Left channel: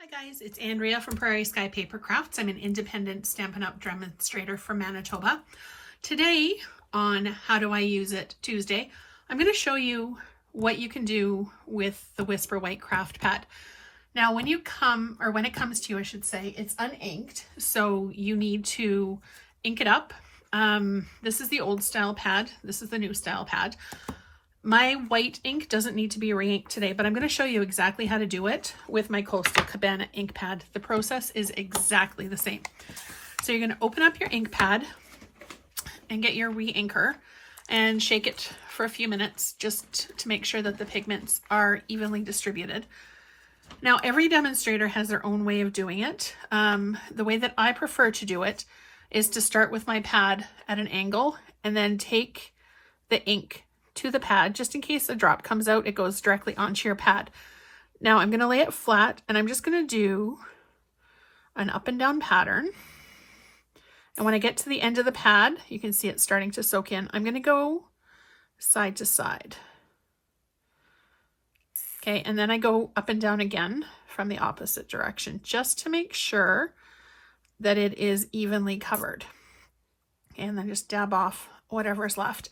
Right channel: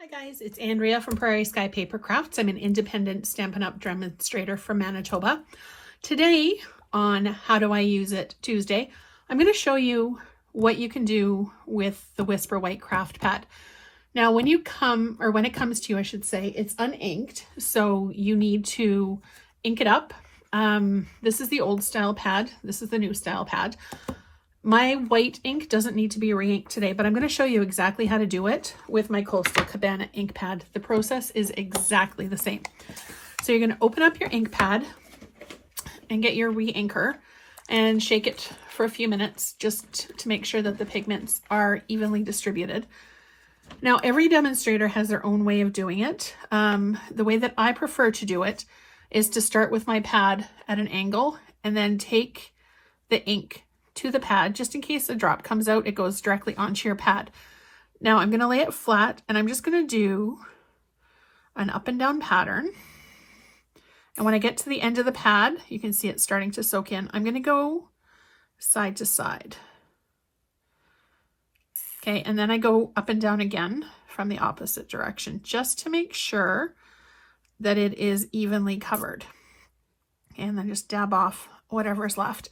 Hi guys, it's Andrea from Prairie Sky Paper Crafts. I'm an independent Stampin' Up! Demonstrator from Manitoba. Today on How Do I Use It Tuesday, I'm going to show you what you can do with the Whisper White Craft Pad. Now when it comes to you, I should say, it's uninked, so you need to ink it up. This is the old style pad. This is the new style pad. My white ink doesn't need to be re-inked today, but I'm going to show you exactly how to do it with my Coastal Cabana ink pad. The process is exactly the same. So you're going to open up your ink pad and get your re-inker and shake it for a few minutes just to make sure that the pigments are evenly distributed. Now, every demonstrator has their own way of doing it. The way that I prefer to do it is to start with my pad at an angle and then take the ink to the pad. Just in case a drop comes out, it goes directly onto your pad. Now I'm going to lay it flat and I'm just going to do an up and down pattern. And when I get to the end of the pad, you can see it starting to soak in. I'm going to go side to side. Okay, and then I go up and down again from the opposite direction just to make sure that it is evenly covered. And then just dab off whatever's left.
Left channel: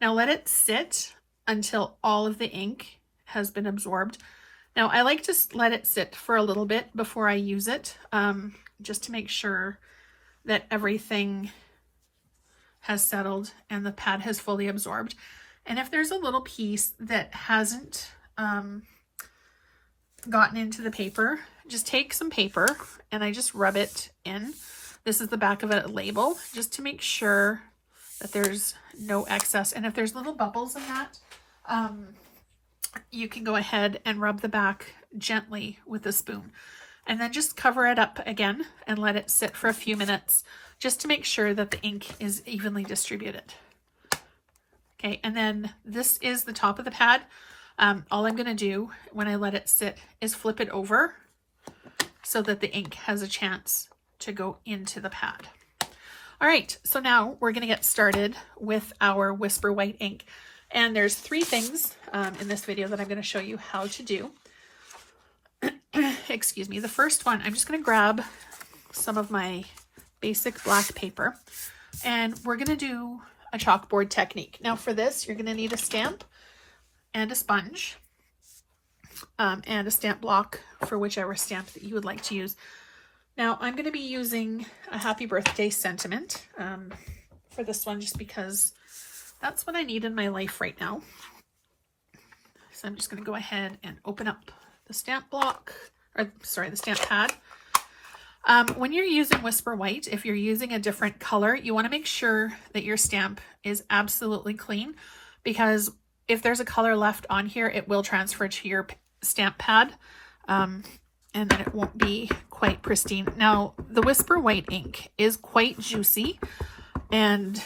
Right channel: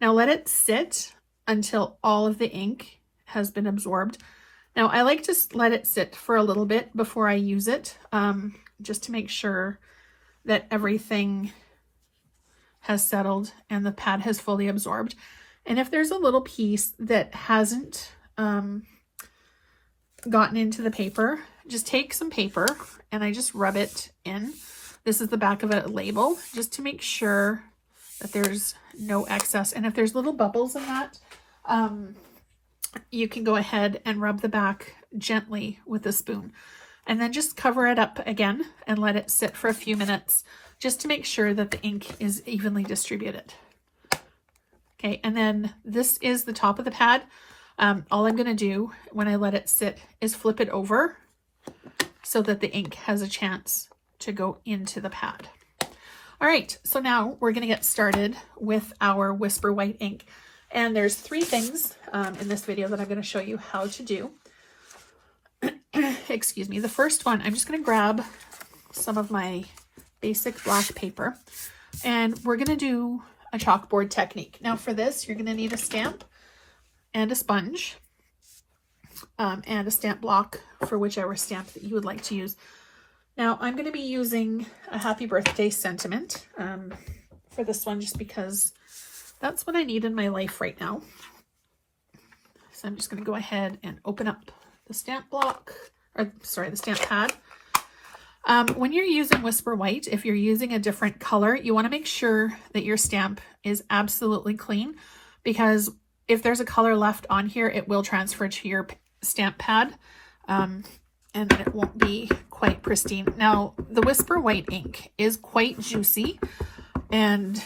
Now let it sit until all of the ink has been absorbed. Now I like to let it sit for a little bit before I use it, just to make sure that everything has settled and the pad has fully absorbed. And if there's a little piece that hasn't gotten into the paper, just take some paper and I just rub it in. This is the back of a label, just to make sure that there's no excess. And if there's little bubbles in that, you can go ahead and rub the back gently with a spoon and then just cover it up again and let it sit for a few minutes just to make sure that the ink is evenly distributed. Okay, and then this is the top of the pad. All I'm going to do when I let it sit is flip it over so that the ink has a chance to go into the pad. All right, so now we're going to get started with our Whisper White ink. And there's three things in this video that I'm going to show you how to do. Excuse me. The first one, I'm just going to grab some of my basic black paper and we're going to do a chalkboard technique. Now for this, you're going to need a stamp and a sponge and a stamp block for whichever stamp that you would like to use. Now I'm going to be using a happy birthday sentiment for this one just because that's what I need in my life right now. So I'm just going to go ahead and open up the stamp block, or sorry, the stamp pad. When you're using Whisper White, if you're using a different color, you want to make sure that your stamp is absolutely clean, because if there's a color left on here, it will transfer to your stamp pad. And then it won't be quite pristine. Now, the Whisper White ink is quite juicy and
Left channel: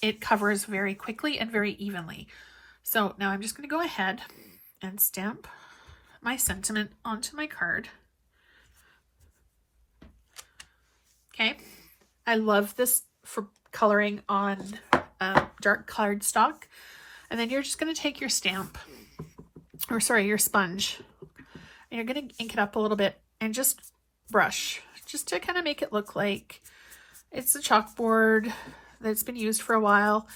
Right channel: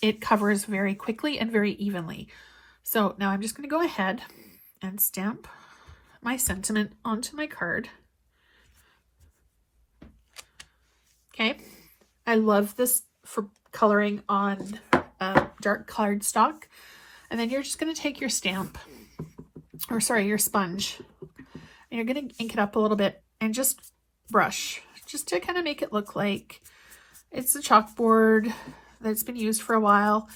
it covers very quickly and very evenly. So now I'm just going to go ahead and stamp my sentiment onto my card. Okay, I love this for coloring on dark cardstock. And then you're just going to take your stamp, or sorry, your sponge, and you're going to ink it up a little bit and just brush, just to kind of make it look like it's a chalkboard that's been used for a while.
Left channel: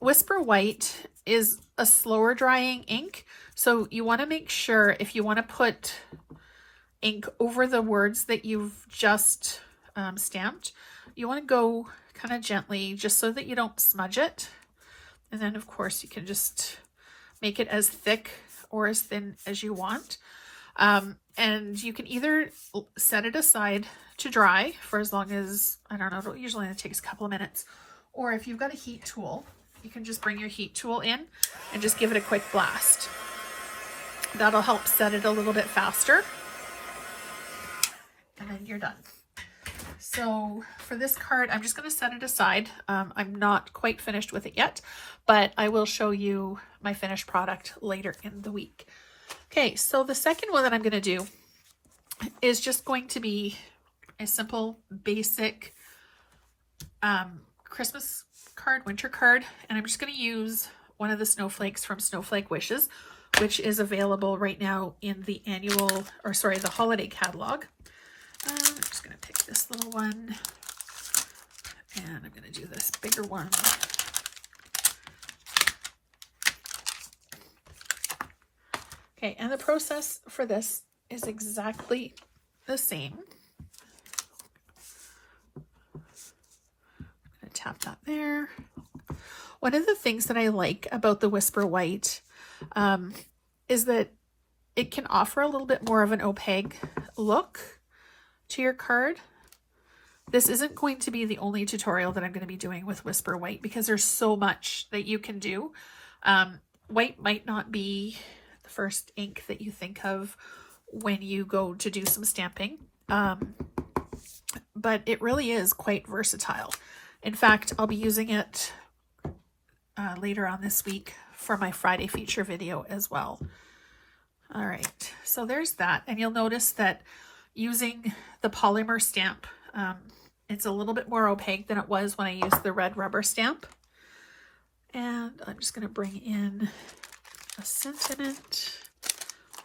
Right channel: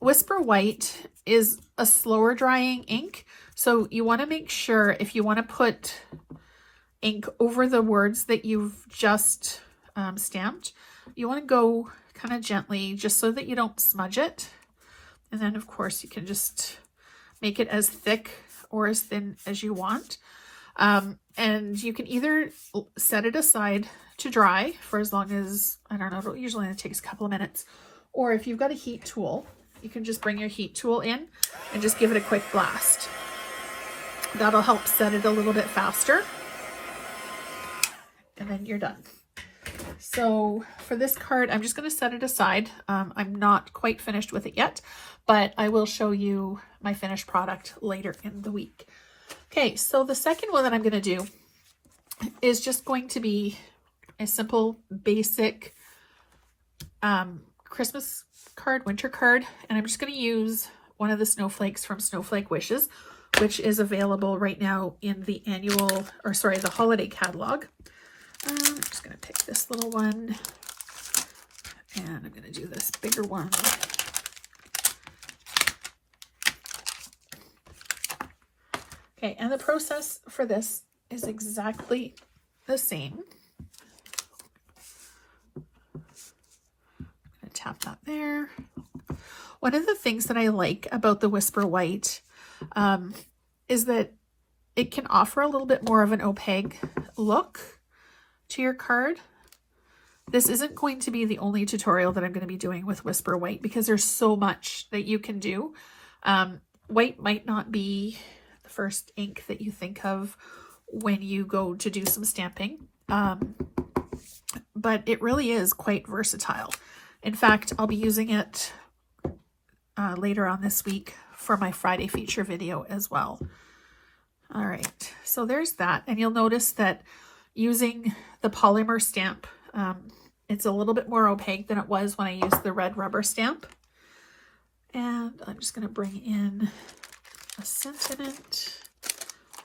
Whisper White is a slower drying ink, so you want to make sure if you want to put ink over the words that you've just stamped, you want to go kind of gently just so that you don't smudge it. And then of course you can just make it as thick or as thin as you want. And you can either set it aside to dry for as long as, I don't know, it usually only takes a couple of minutes. Or if you've got a heat tool, you can just bring your heat tool in and just give it a quick blast. That'll help set it a little bit faster. And then you're done. So for this card, I'm just going to set it aside. I'm not quite finished with it yet, but I will show you my finished product later in the week. Okay, so the second one that I'm going to do is just going to be a simple, basic Christmas card, winter card, and I'm just going to use one of the snowflakes from Snowflake Wishes, which is available right now in the the holiday catalog. I'm just going to pick this little one, and I'm going to do this bigger one. Okay, and the process for this is exactly the same. I'm going to tap that there. One of the things that I like about the Whisper White is that it can offer a little bit more of an opaque look to your card. This isn't going to be the only tutorial that I'm going to be doing with Whisper White because there's so much that you can do. White might not be the first ink that you think of when you go to do some stamping, but it really is quite versatile. In fact, I'll be using it later on this week for my Friday feature video as well. All right, so there's that. And you'll notice that using the polymer stamp, it's a little bit more opaque than it was when I used the red rubber stamp. And I'm just going to bring in a sentiment.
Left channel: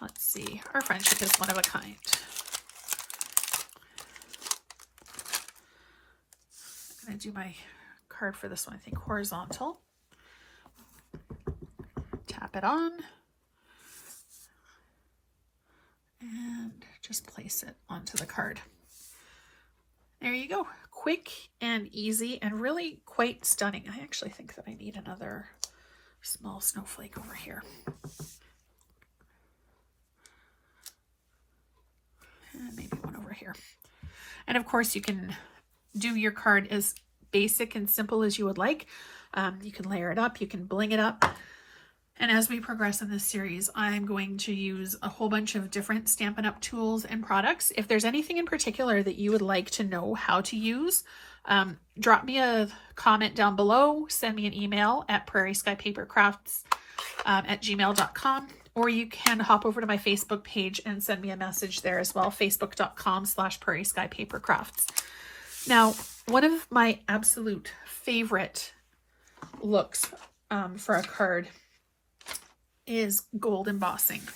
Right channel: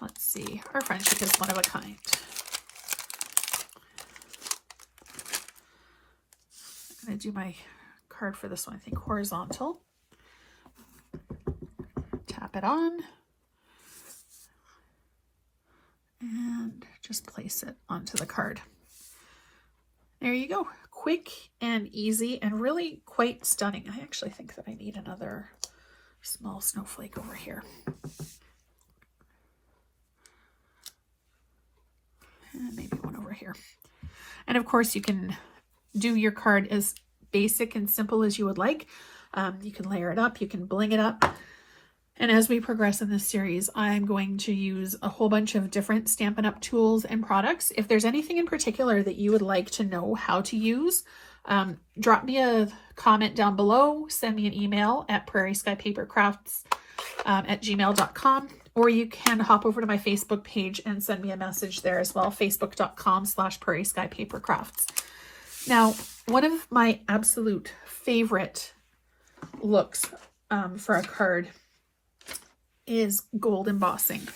Let's see, our friendship is one of a kind. I'm going to do my card for this one, I think horizontal. Tap it on. And just place it onto the card. There you go. Quick and easy and really quite stunning. I actually think that I need another small snowflake over here. And maybe one over here. And of course you can do your card as basic and simple as you would like. You can layer it up, you can bling it up. And as we progress in this series, I'm going to use a whole bunch of different Stampin' Up! Tools and products. If there's anything in particular that you would like to know how to use, drop me a comment down below, send me an email at prairieskypapercrafts@gmail.com, or you can hop over to my Facebook page and send me a message there as well, facebook.com/prairieskypapercrafts. Now, one of my absolute favorite looks for a card is gold embossing.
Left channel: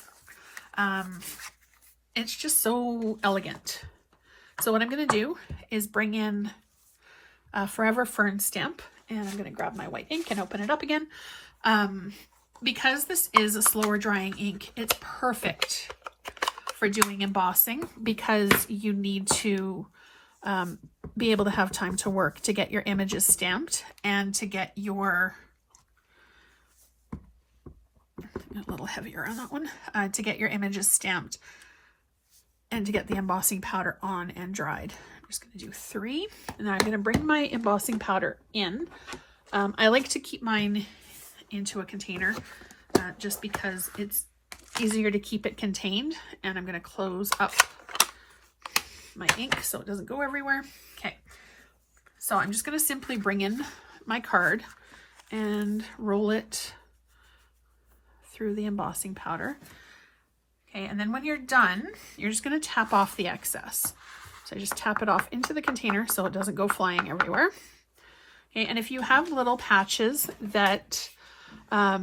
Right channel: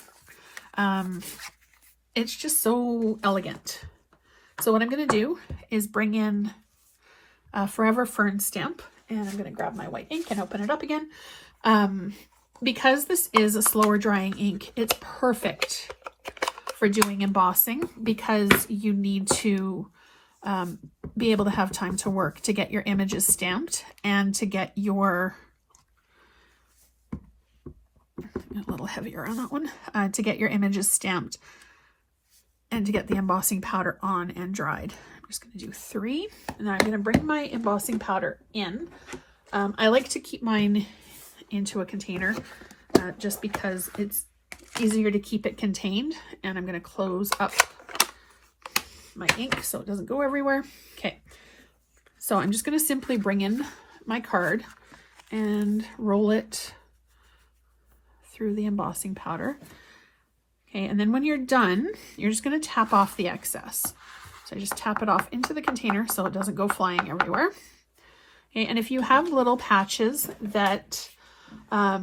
It's just so elegant. So what I'm going to do is bring in a Forever Fern stamp, and I'm going to grab my white ink and open it up again. Because this is a slower drying ink, it's perfect for doing embossing because you need to be able to have time to work to get your images stamped and to get your a little heavier on that one, to get your images stamped and to get the embossing powder on and dried. I'm just going to do 3, and then I'm going to bring my embossing powder in. I like to keep mine into a container just because it's easier to keep it contained, and I'm going to close up my ink so it doesn't go everywhere. Okay, so I'm just going to simply bring in my card and roll it through the embossing powder. Okay, and then when you're done, you're just going to tap off the excess. So I just tap it off into the container so it doesn't go flying everywhere. Okay, and if you have little patches that are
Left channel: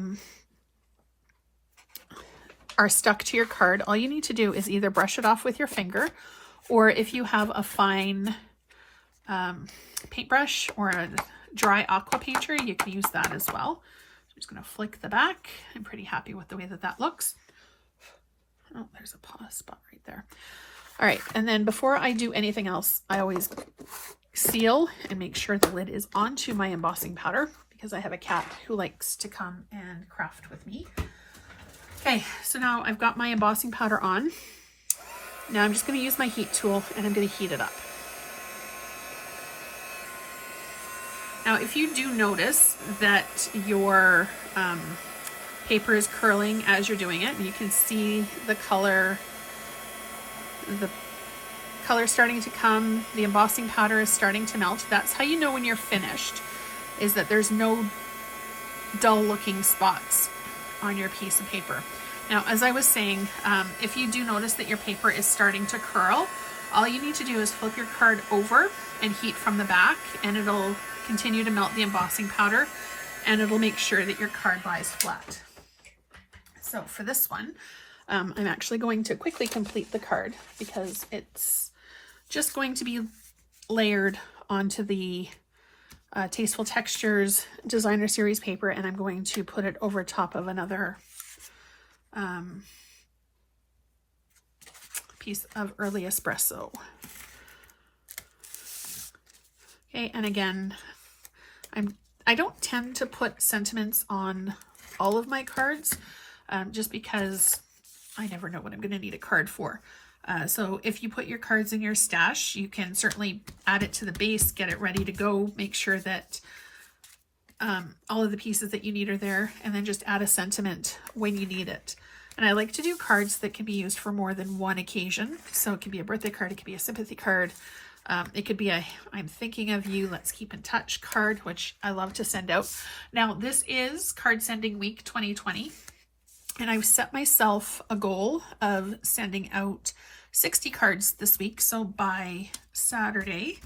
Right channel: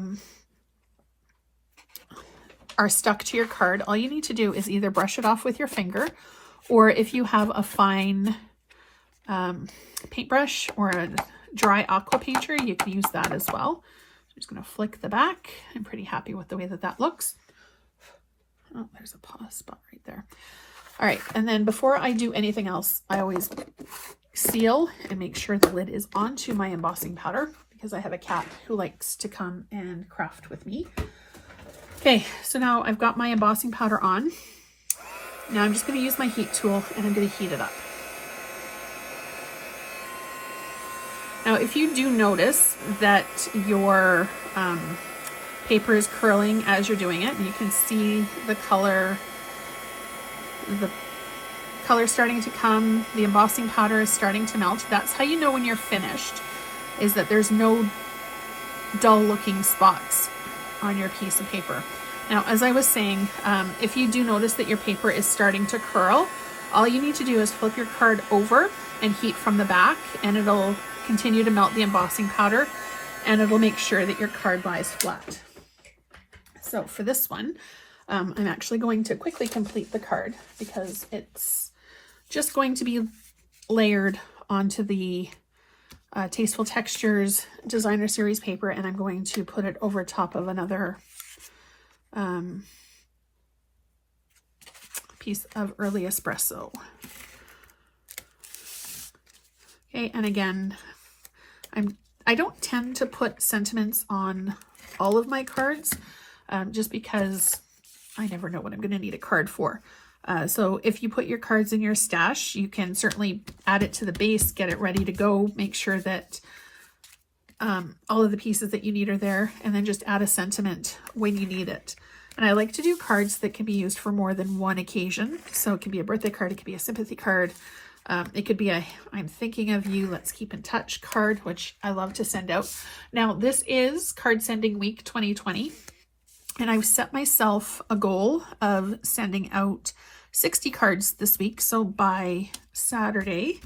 stuck to your card, all you need to do is either brush it off with your finger, or if you have a fine paintbrush or a dry aqua painter, you can use that as well. I'm just going to flick the back. I'm pretty happy with the way that that looks. Oh, there's a pause spot right there. All right, and then before I do anything else, I always seal and make sure the lid is onto my embossing powder because I have a cat who likes to come and craft with me. Okay, so now I've got my embossing powder on. Now I'm just going to use my heat tool and I'm going to heat it up. Now, if you do notice that your paper is curling as you're doing it, and you can see the color starting to come, the embossing powder is starting to melt, that's how you know when you're finished, is that there's no dull looking spots on your piece of paper. Now, as I was saying, if you do notice that your paper is starting to curl, all you need to do is flip your card over and heat from the back, and it'll continue to melt the embossing powder, and it'll make sure that your card lies flat. So for this one, I'm actually going to quickly complete the card because it's just going to be layered onto the Tasteful Textures Designer Series paper, and I'm going to put it over top of another piece of early espresso. Okay, and again, I don't tend to put sentiments on all of my cards, just because I never know what I'm going to need a card for. So if you put your cards in your stash, you can certainly add it to the base, get it ready to go, make sure that all of the pieces that you need are there, and then just add a sentiment when you need it. And I like to do cards that can be used for more than one occasion. So it can be a birthday card, it could be a sympathy card, it could be a I'm thinking of you, let's keep in touch card, which I love to send out. Now this is Card Sending Week 2020, and I've set myself a goal of sending out 60 cards this week. So by Saturday,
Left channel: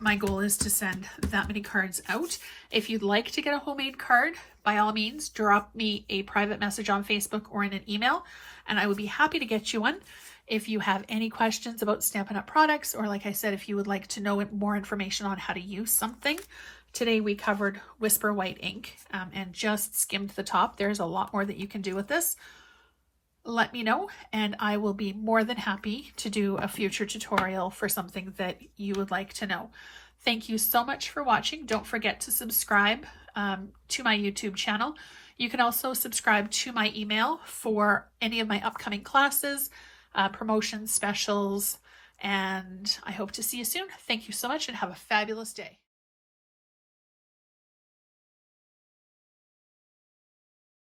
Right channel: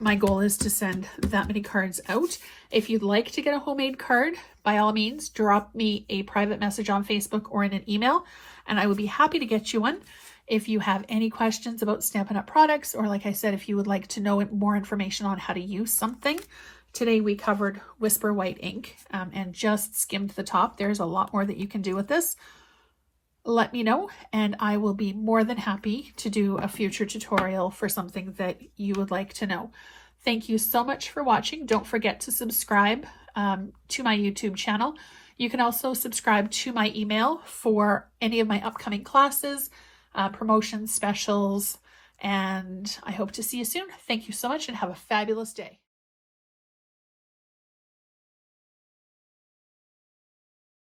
my goal is to send that many cards out. If you'd like to get a homemade card, by all means, drop me a private message on Facebook or in an email, and I would be happy to get you one. If you have any questions about Stampin' Up! Products, or like I said, if you would like to know more information on how to use something, today we covered Whisper White ink and just skimmed the top. There's a lot more that you can do with this. Let me know, and I will be more than happy to do a future tutorial for something that you would like to know. Thank you so much for watching. Don't forget to subscribe to my YouTube channel. You can also subscribe to my email for any of my upcoming classes, promotions, specials, and I hope to see you soon. Thank you so much and have a fabulous day.